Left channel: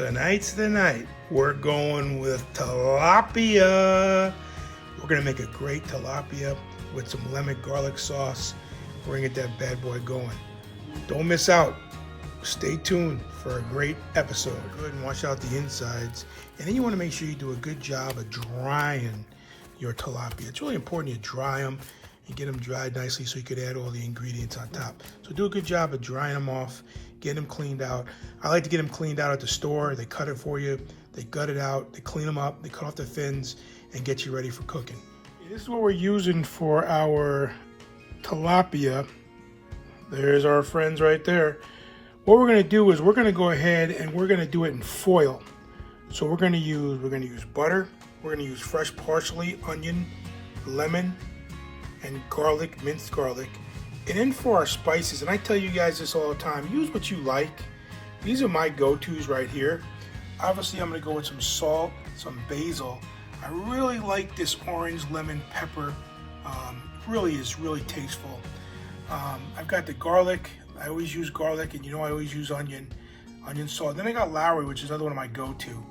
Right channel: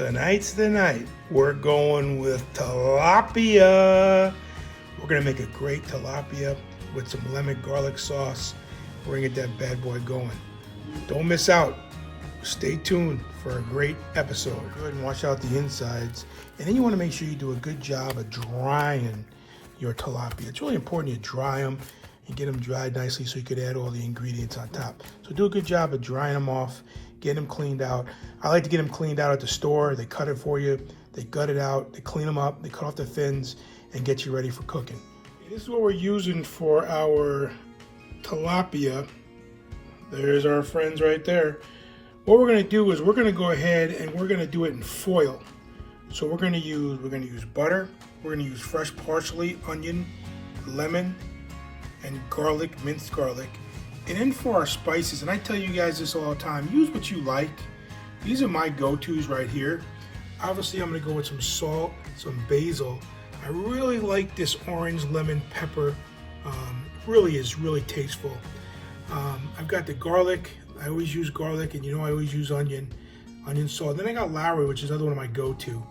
Tonight's the night. We're going with tilapia. We're gonna make a great tilapia with some lemon garlic sauce. We're gonna get that bad boy going. Don't miss out. Stay tuned for a great episode. Go ahead and wash out the insides. And then you wanna make sure you do a good job of drying your tilapia. It's really important you dry them and get them dried nicely so you could add all the ingredients on top. So do a good job of drying them off, get them cleaned out. I like to get them cleaned out at the store. They cut it for you, they gut it out, they clean them up, they cut off the fins and get you ready for cooking. This is what we're using for our tilapia. There's our friends right there. What we're gonna do is we're gonna go ahead and we're gonna do it in foil. So we're gonna use butter, we're gonna use fresh parsley, onion, lemon, and garlic, minced garlic. And then for our spices, and I tell you guys this all the time, use what you like. These are my go-tos right here. Obviously, I'm gonna go with some salt, some basil. I really like this orange lemon pepper. Really is really tasteful. I've got the garlic. I always use garlic, and you know I always use onion salt. Then I got Lawry, which is another one of my go-to.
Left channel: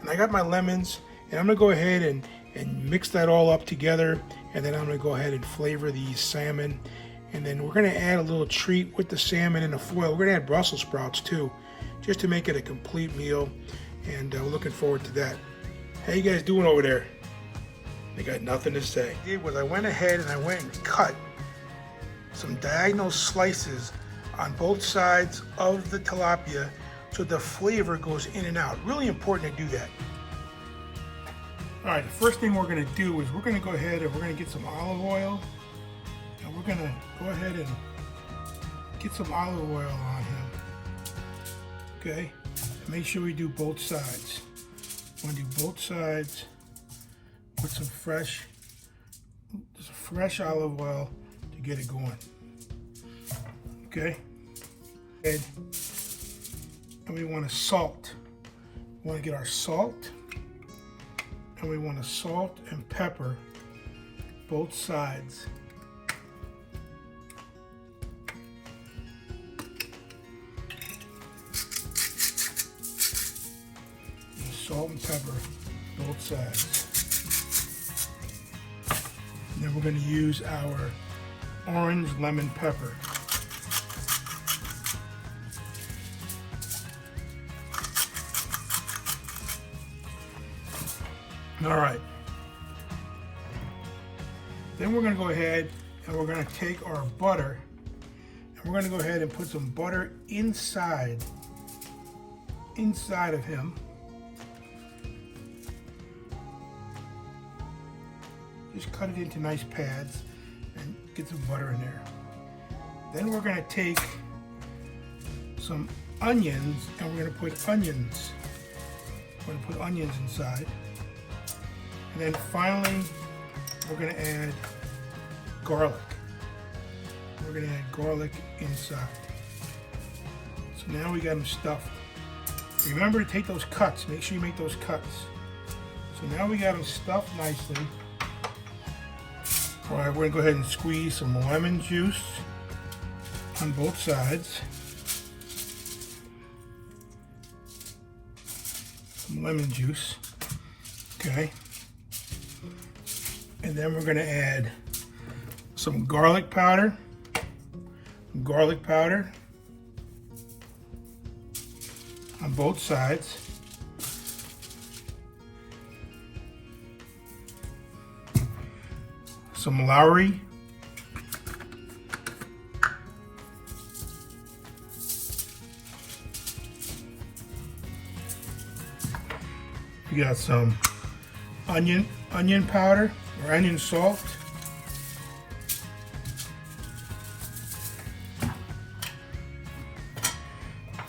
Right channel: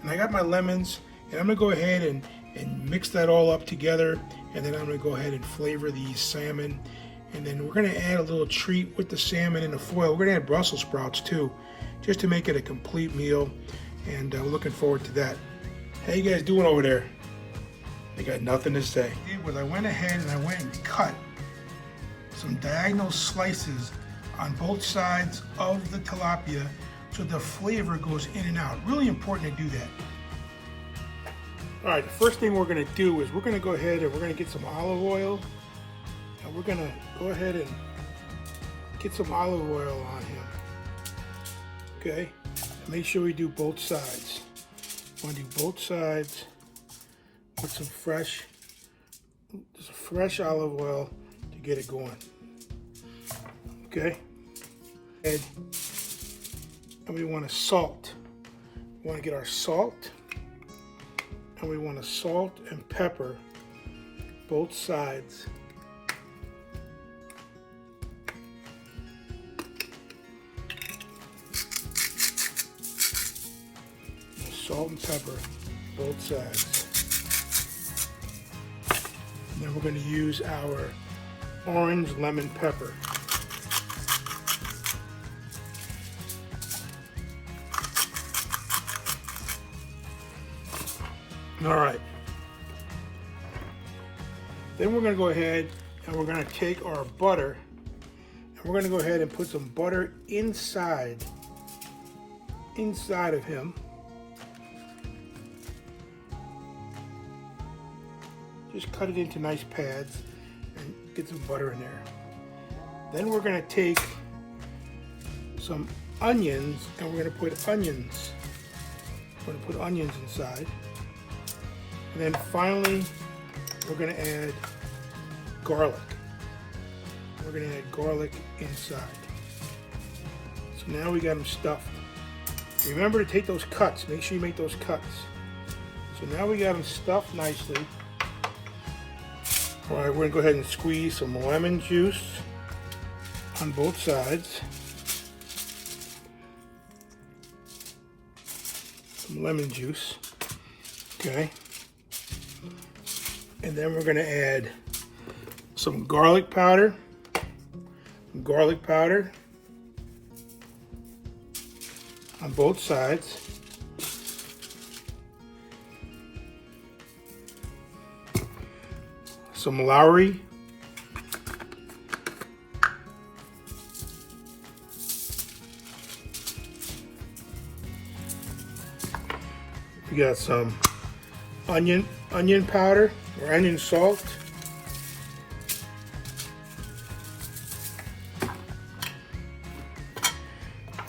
And I got my lemons, and I'm gonna go ahead and mix that all up together. And then I'm gonna go ahead and flavor the salmon. And then we're gonna add a little treat with the salmon and the foil. We're gonna add Brussels sprouts too, just to make it a complete meal. And looking forward to that. How you guys doing over there? I got nothing to say. What I did was I went ahead and I went and cut some diagonal slices on both sides of the tilapia so the flavor goes in and out. Really important to do that. All right, the first thing we're gonna do is we're gonna go ahead and we're gonna get some olive oil. And we're gonna go ahead and get some olive oil on him. Okay, make sure we do both sides. Want to do both sides with some fresh olive oil to get it going. Okay, and we want to salt. We want to get our salt, and we want to salt and pepper both sides. Salt and pepper, both sides. And then we're going to use our orange lemon pepper. All right. Then we're going to go ahead and we're going to take our butter and we're going to go ahead and put some butter inside of him. Just cut it into nice pads and get some butter in there. Then we're going to take some onions and we're going to put onions. We're going to put onions inside. And then finally, we're going to add garlic. We're going to add garlic inside. So now we got them stuffed. Remember to take those cuts. Make sure you make those cuts. So now we got them stuffed nicely. All right, we're gonna go ahead and squeeze some lemon juice on both sides. Some lemon juice, okay. And then we're gonna add some garlic powder. On both sides. Some Lawry. We got some onion powder or onion salt.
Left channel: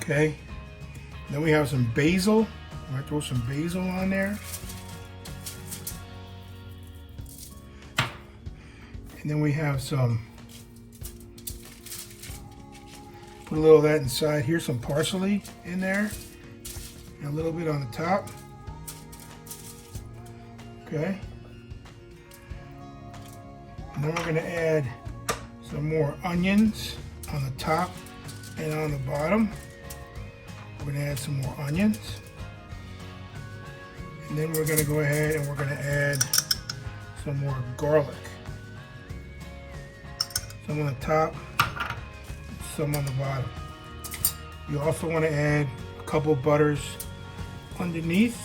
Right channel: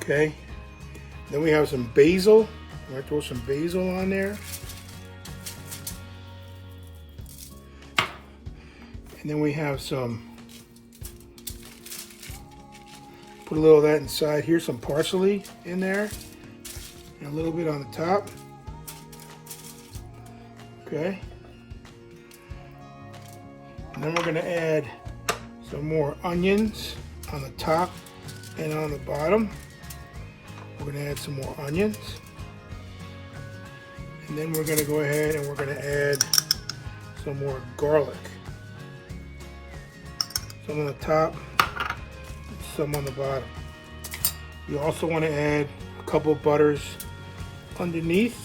Okay. Then we have some basil. We're gonna throw some basil on there. And then we have put a little of that inside here, some parsley in there, and a little bit on the top. Okay. And then we're going to add some more onions on the top and on the bottom. We're going to add some more onions. And then we're gonna go ahead and we're gonna add some more garlic. Some on the top, some on the bottom. You also want to add a couple of butters underneath,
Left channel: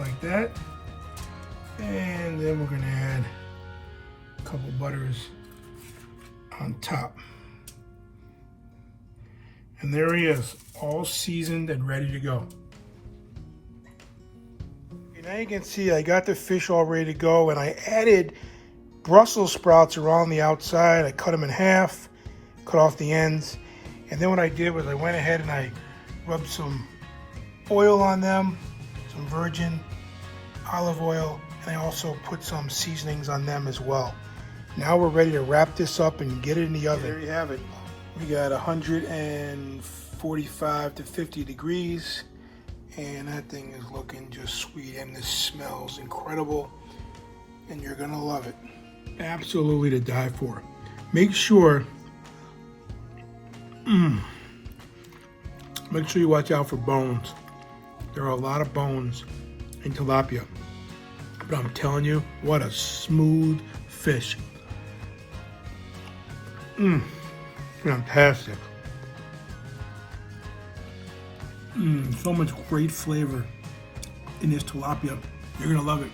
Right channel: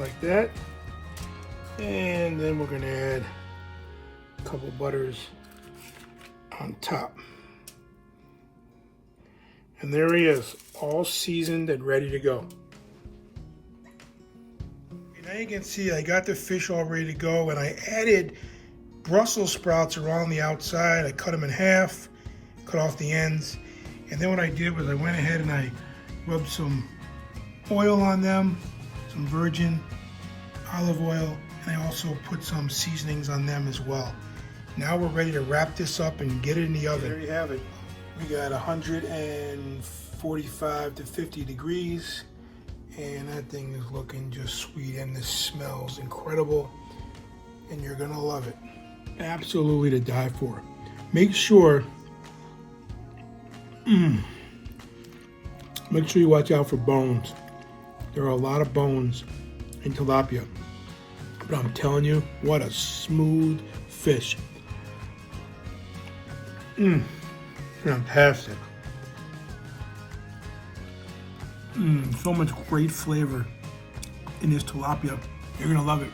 like that. And then we're going to add a couple of butters on top. And there he is, all seasoned and ready to go. Now you can see I got the fish all ready to go, and I added Brussels sprouts around the outside. I cut them in half, cut off the ends, and then what I did was I went ahead and I rubbed some oil on them, some virgin olive oil, and I also put some seasonings on them as well. Now we're ready to wrap this up and get it in the oven. There you have it. We got 145 to 50 degrees, and that thing is looking just sweet, and this smells incredible, and you're gonna love it. Absolutely to die for. Make sure you watch out for bones. There are a lot of bones in tilapia, but I'm telling you, what a smooth fish. Fantastic. So much great flavor in this tilapia. You're gonna love it.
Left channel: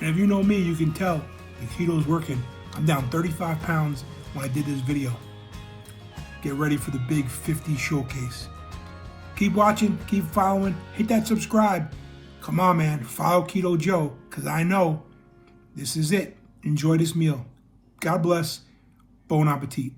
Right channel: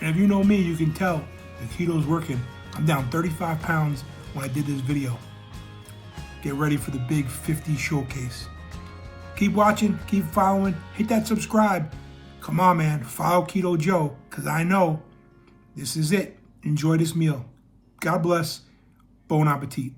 And if you know me, you can tell the keto is working. I'm down 35 pounds when I did this video. Get ready for the big 50 showcase. Keep watching, keep following, hit that subscribe. Come on, man, follow Keto Joe, because I know this is it. Enjoy this meal. God bless. Bon appetit.